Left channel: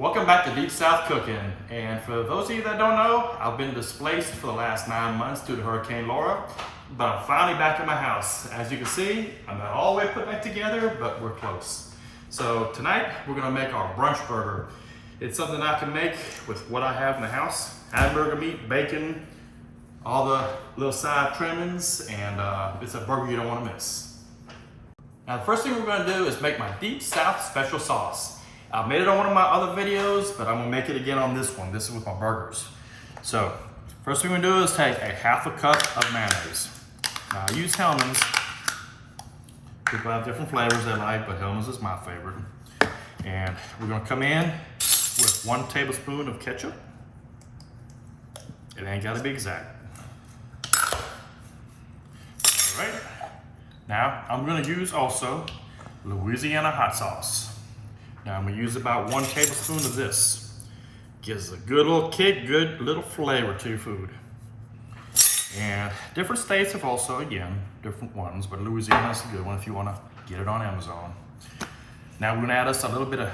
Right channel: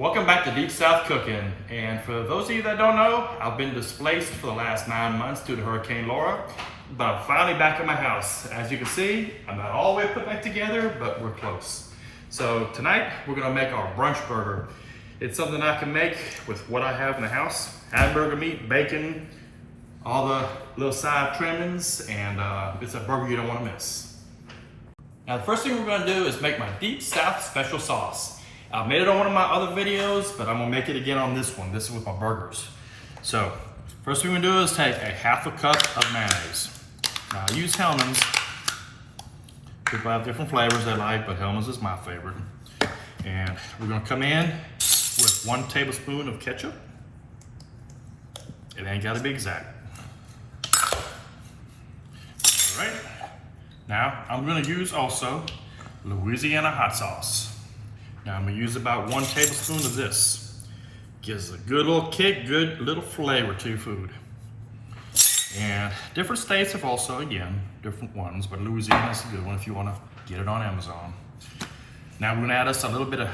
Welcome back to Deep South Cooking. And for those of you that don't know, I've been displaced for the last 9 months due to Hurricane Laura, but I'm finally back at my house. As you can see, I'm not all the way put back together, but we're close. So tonight, we're gonna make our brunch burger. It's something I can make with what I have in the house. Hamburger meat, bacon, all the little side trimmings, and it's a burger you don't wanna miss. Now the first thing we're gonna do is make my Deep South special sauce. I made it on one of my other videos, but I'm gonna make it again on this one. This is with my burgers. So, first thing we're gonna do is take a ½ cup of mayonnaise. Now I use Hellmann's. People have different flavors they like, but Hellmann's is my favorite. And we're gonna come in with 1 tablespoon of ketchup. It ain't gotta be exact. All right. Now, I'm gonna use also Louisiana hot sauce. Now I'm gonna use about 1 tablespoon of this. Gives a good little kick, good little flavor to your food. And different states have also, again, different ones, but Louisiana's a good one if you wanna get it on Amazon. Now we're gonna add us a little bit of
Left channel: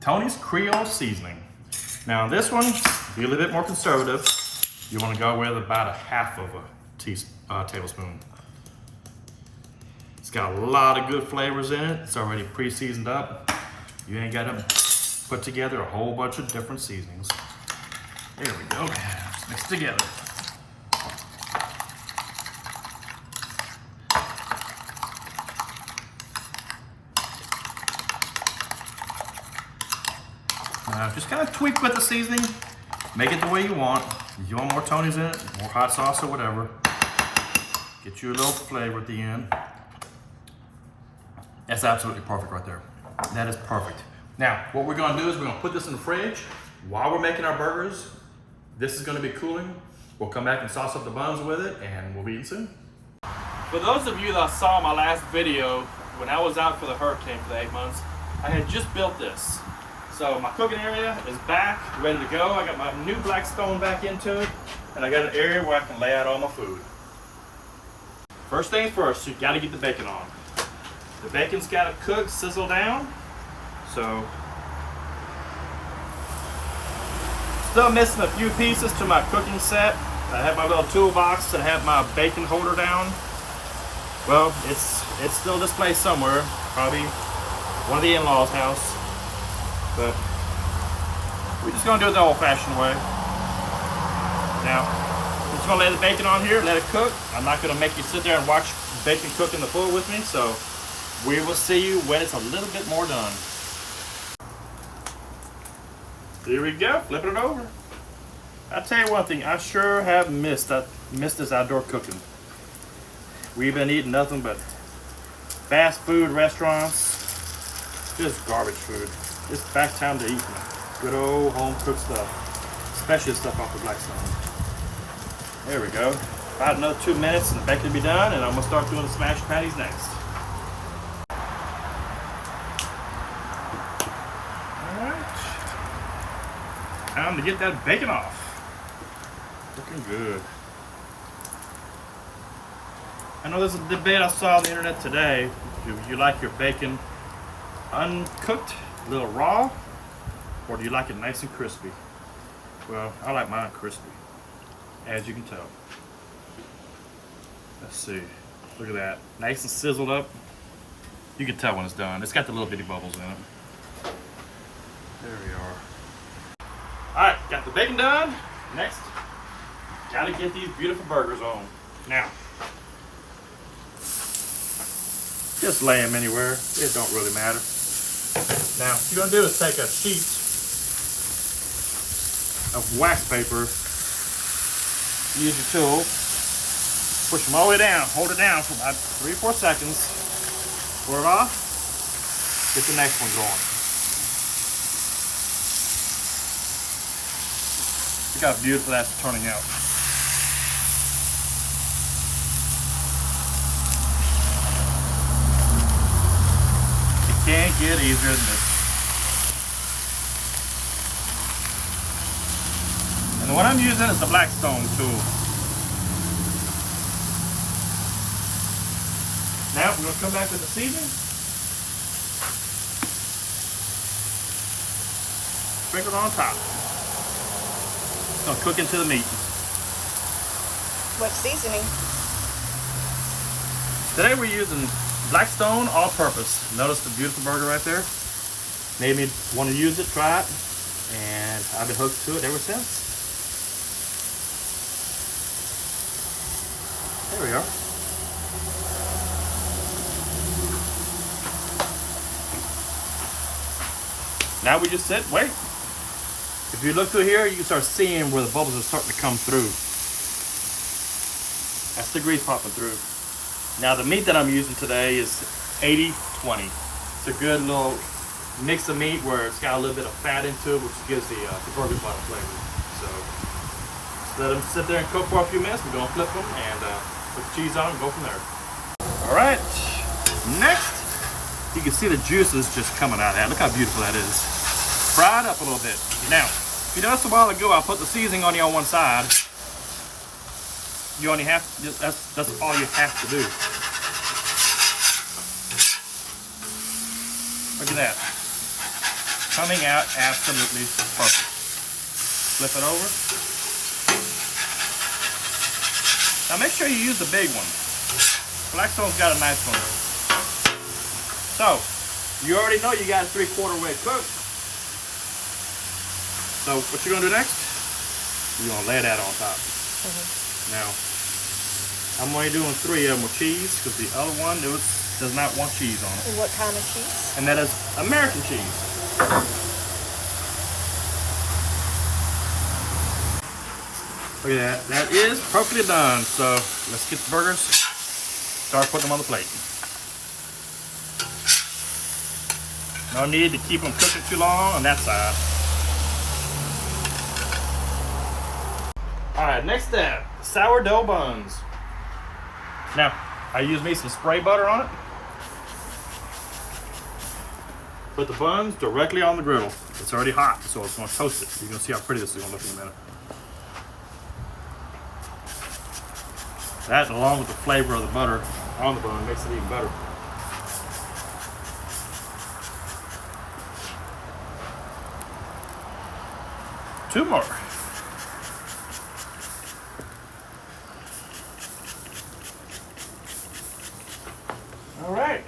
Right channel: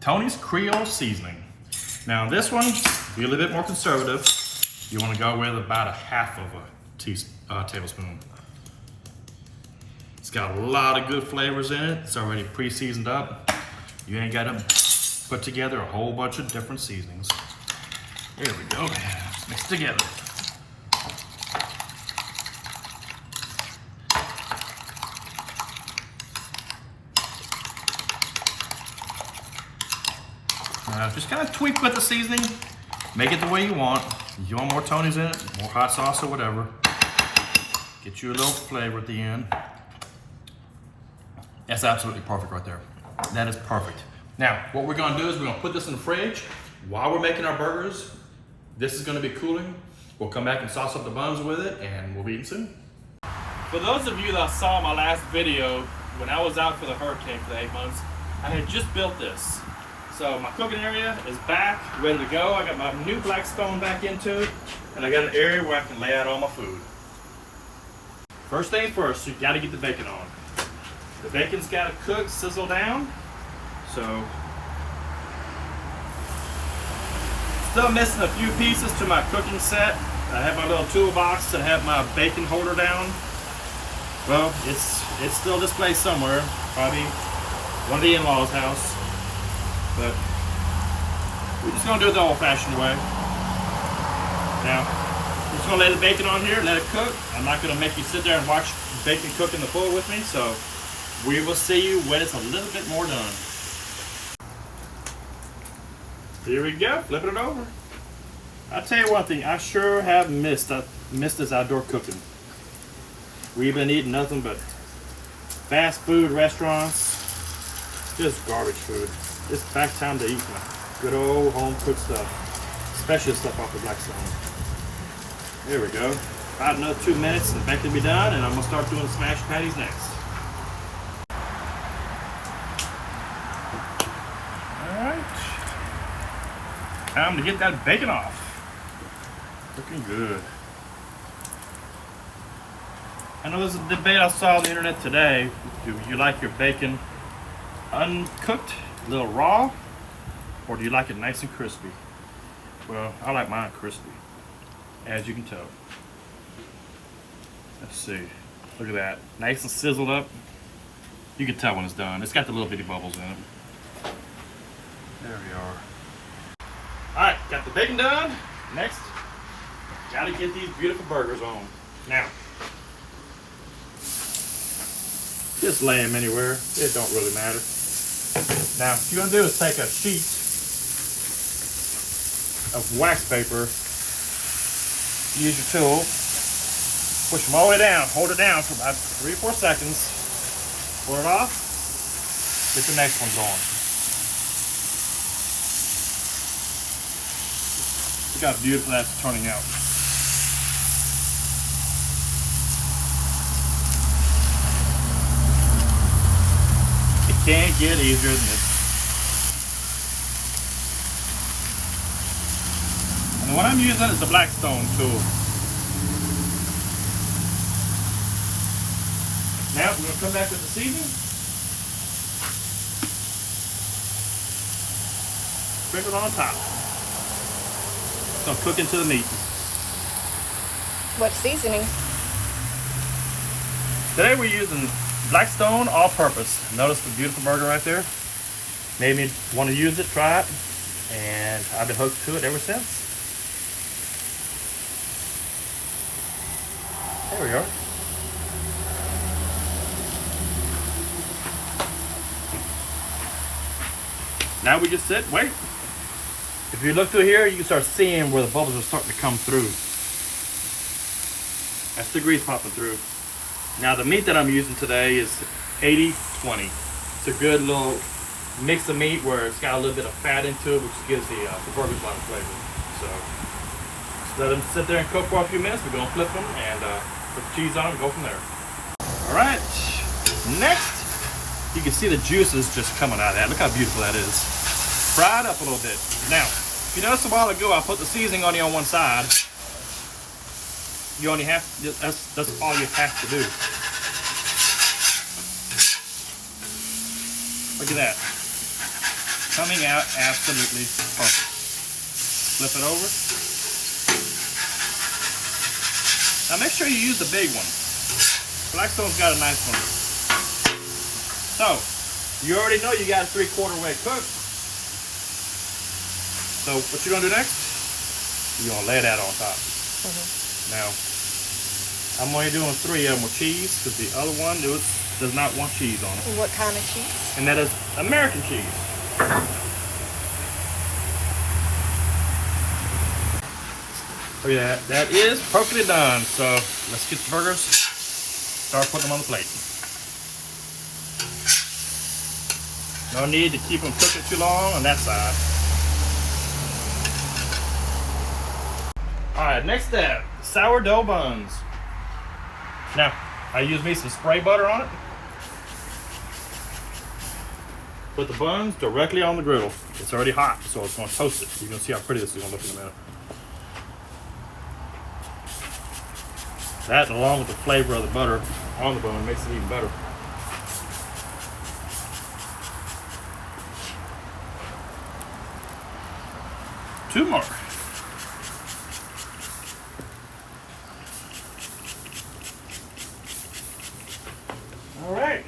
Tony's Creole seasoning. Now this one, be a little bit more conservative. You wanna go with about 1/2 of a tablespoon. It's got a lot of good flavors in it. It's already pre-seasoned up. You ain't gotta put together a whole bunch of different seasonings. There we go, mix it together. Now just kind of tweak with the seasoning, make it the way you want. If you want more Tony's in it, more hot sauce or whatever, get you a little flavor at the end. That's absolutely perfect right there. That is perfect. Now, what we're gonna do is we're gonna put this in the fridge while we're making our burgers. This is gonna be cooling. We'll come back and sauce up the buns with it, and we'll be eating soon. For those of you that saw my last video, when I was out for the hurricane for the 8 months, I had just built this. So my cooking area is back, ready to go. I got my new Blackstone back into it, and I got an area where I can lay out all my food. First thing first, you gotta get the bacon on. The bacon's got to cook, sizzle down. So, still missing a few pieces to my cooking set. I have my little toolbox to have my bacon holder down. Well, it's still displayed somewhere, probably one of the in-laws' house. But we're just gonna do it the old-fashioned way. Now, I'm just gonna lay the bacon on here, let it cook. I'm not gonna make you sit there and watch bacon cook in the floor with me, so we will see you when it's a little bit more done. Here we go, flipping it over. I'll tell you one thing, I sure have missed this outdoor cooking. We've been eating nothing but fast food restaurants, just garbage food. It's back time to eat good old home cooked stuff, especially stuff off the Blackstone. There we go. About another 2 minutes and the bacon will be done, and I'm gonna start doing the smashed patties next. Time to get that bacon off. Looking good. I know there's a debate I saw on the internet today. Do you like your bacon uncooked, a little raw, or do you like it nice and crispy? Well, I like mine crispy, as you can tell. Let's see. Look at that. Nice and sizzled up. You can tell when it's done. It's got the little bitty bubbles in it. There we are. All right, got the bacon done. Next, gotta get these beautiful burgers on. Now, just lay them anywhere. It don't really matter. Now, what you're gonna do is take a sheet of wax paper, use your tool, push them all the way down, hold it down for about 3 or 4 seconds, pull it off, get the next one going. Look how beautiful that's turning out. It can't get easier than this. And what I'm using is the Blackstone tool. Now we're going to come back with the seasoning. Sprinkle it on top. It's gonna cook into the meat. What seasoning? Today we're using Blackstone all-purpose. Notice the beautiful burger right there? Made me want to use it, try it, and I've been hooked to it ever since. There we are. Now we just sit, wait. If you look through here, you can start seeing where the bubbles are starting to come through. That's the grease popping through. Now the meat that I'm using today is 80-20. It's a good little mix of meat where it's got a little bit of fat into it, which gives the burger a lot of flavor. So just let them sit there and cook for a few minutes. We're gonna flip them and put the cheese on them and go from there. All right, next, you can see the juices just coming out of that. Look how beautiful that is. Fry it up a little bit. Now, if you noticed a while ago, I put the seasoning on one side. You only have, that's all you have to do. Look at that. Coming out absolutely perfect. Flip it over. Now make sure you use the big one. Blackstone's got a nice one. So, you already know you got it 3/4 way cooked. So what you're gonna do next? You're gonna lay that on top. Now, I'm only doing 3 of them with cheese because the other one does not want cheese on it. What kind of cheese? And that is American cheese. Look at that. That is perfectly done. So let's get the burgers. Start putting them on the plate. No need to keep them cooking too long on that side. All right, next step, sourdough buns. Now, I use me some spray butter on it. Put the buns directly on the griddle. It's already hot, so it's gonna toast it. You're gonna see how pretty this is gonna look in a minute. That, along with the flavor of the butter on the bun, makes it even better. Two more. All right,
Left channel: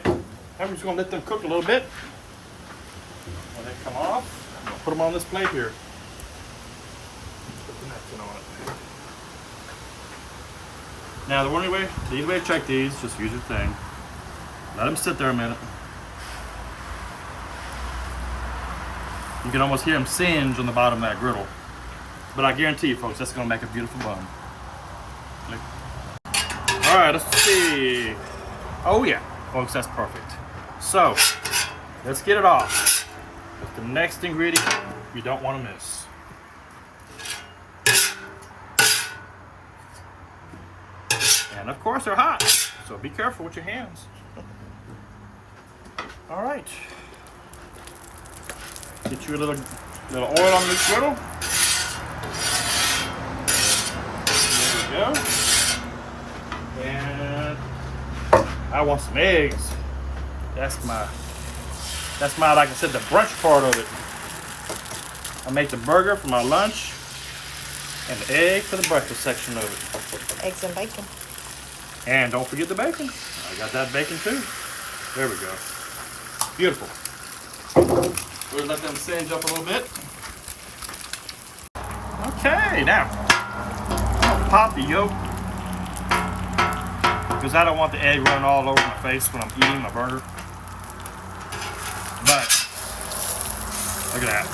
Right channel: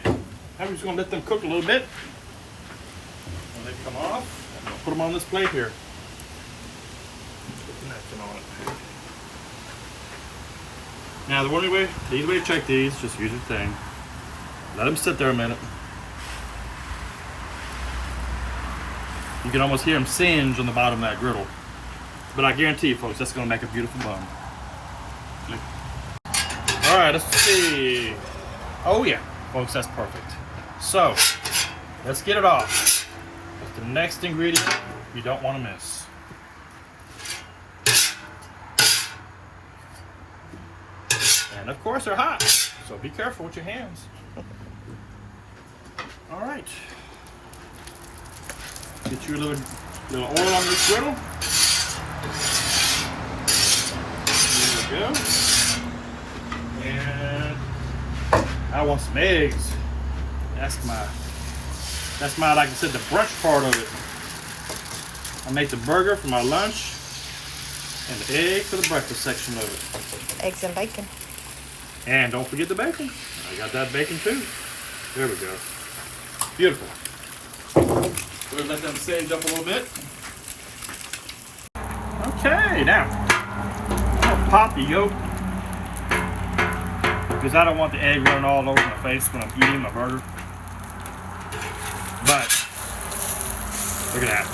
I'm just gonna let them cook a little bit. When they come off, I'm gonna put them on this plate here. Put the napkin on it. Now the easy way to check these, just use your thing. Let them sit there a minute. You can almost hear them singe on the bottom of that griddle. But I guarantee you folks, that's gonna make a beautiful bun. All right, let's see. Oh yeah, folks, that's perfect. So, let's get it off. That's the next ingredient you don't want to miss. And of course they're hot, so be careful with your hands. All right. Get you a little oil on this griddle. There we go. And I want some eggs. That's my, like I said, the brunch part of it. I make the burger for my lunch and the egg for the breakfast section of it. Eggs and bacon. And don't forget the bacon. I got that bacon too. There we go. Beautiful. We'll let them singe up a little bit. Okay, now I'm gonna pop the yolk because I don't want the egg running all over my face when I'm eating my burger. But look at that.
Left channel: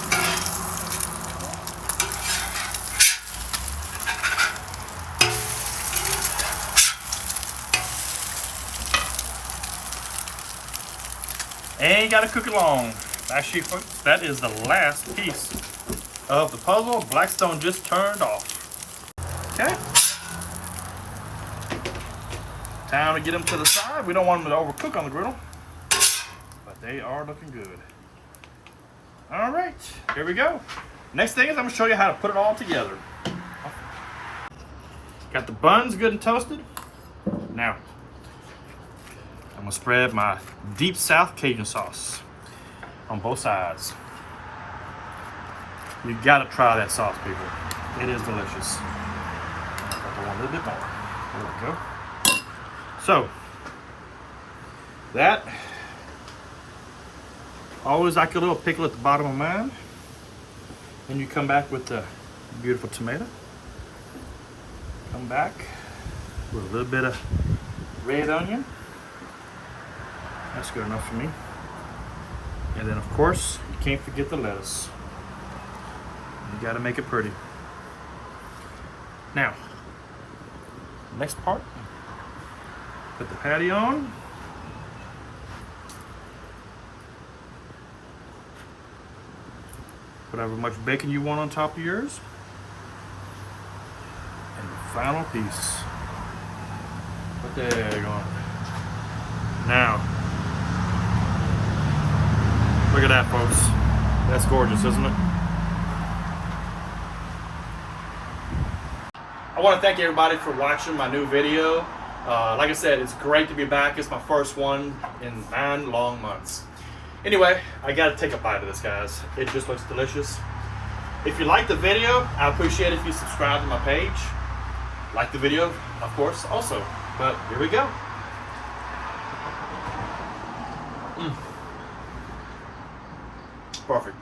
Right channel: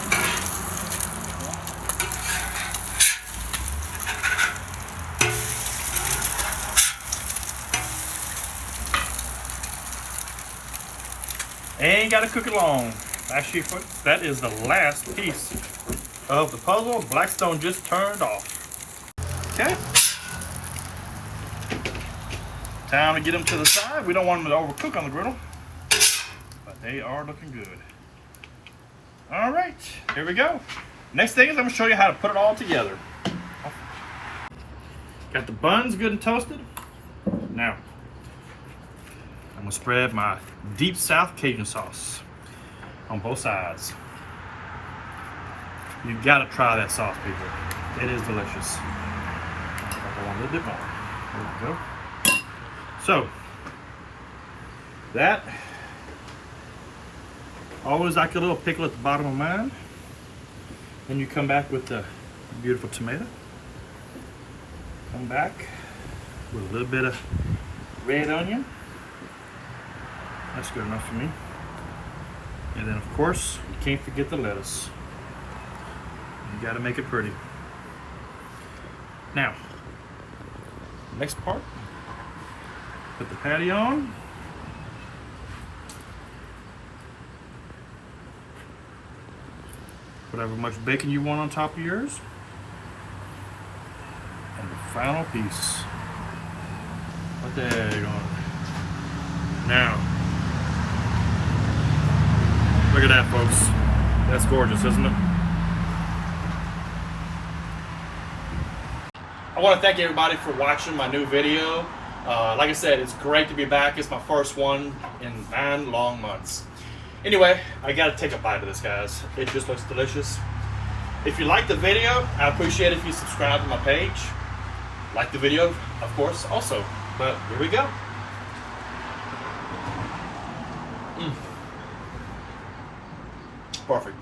Ain't gotta cook it long. Actually, folks, that is the last piece of the puzzle Blackstone just turned off. Okay. Time to get them to the side. We don't want them to overcook on the griddle, but they are looking good. All right, here we go. Next thing is I'm gonna show you how to put it all together. Got the buns good and toasted. Now, I'm gonna spread my deep South Cajun sauce on both sides. You gotta try that sauce, people. It is delicious. I want a little bit more. There we go. So, that. Always like a little pickle at the bottom of mine. Then you come back with the beautiful tomato. Come back with a little bit of red onion. That's good enough for me. And then of course, you can't forget the lettuce. You gotta make it pretty. Now, next part, put the patio on. Put however much bacon you want on top of yours. And the final piece. Put the egg on. Now, look at that, folks. That's gorgeous, isn't it? I want to thank everybody for watching my new video. Like I said, it's great to be back. It's my first one in 9 long months. Anyway, I gotta take a bite of this, guys. It just looks delicious. If you like the video, I appreciate it if you subscribe to my page. Like the video, of course, also. But here we go. Perfect.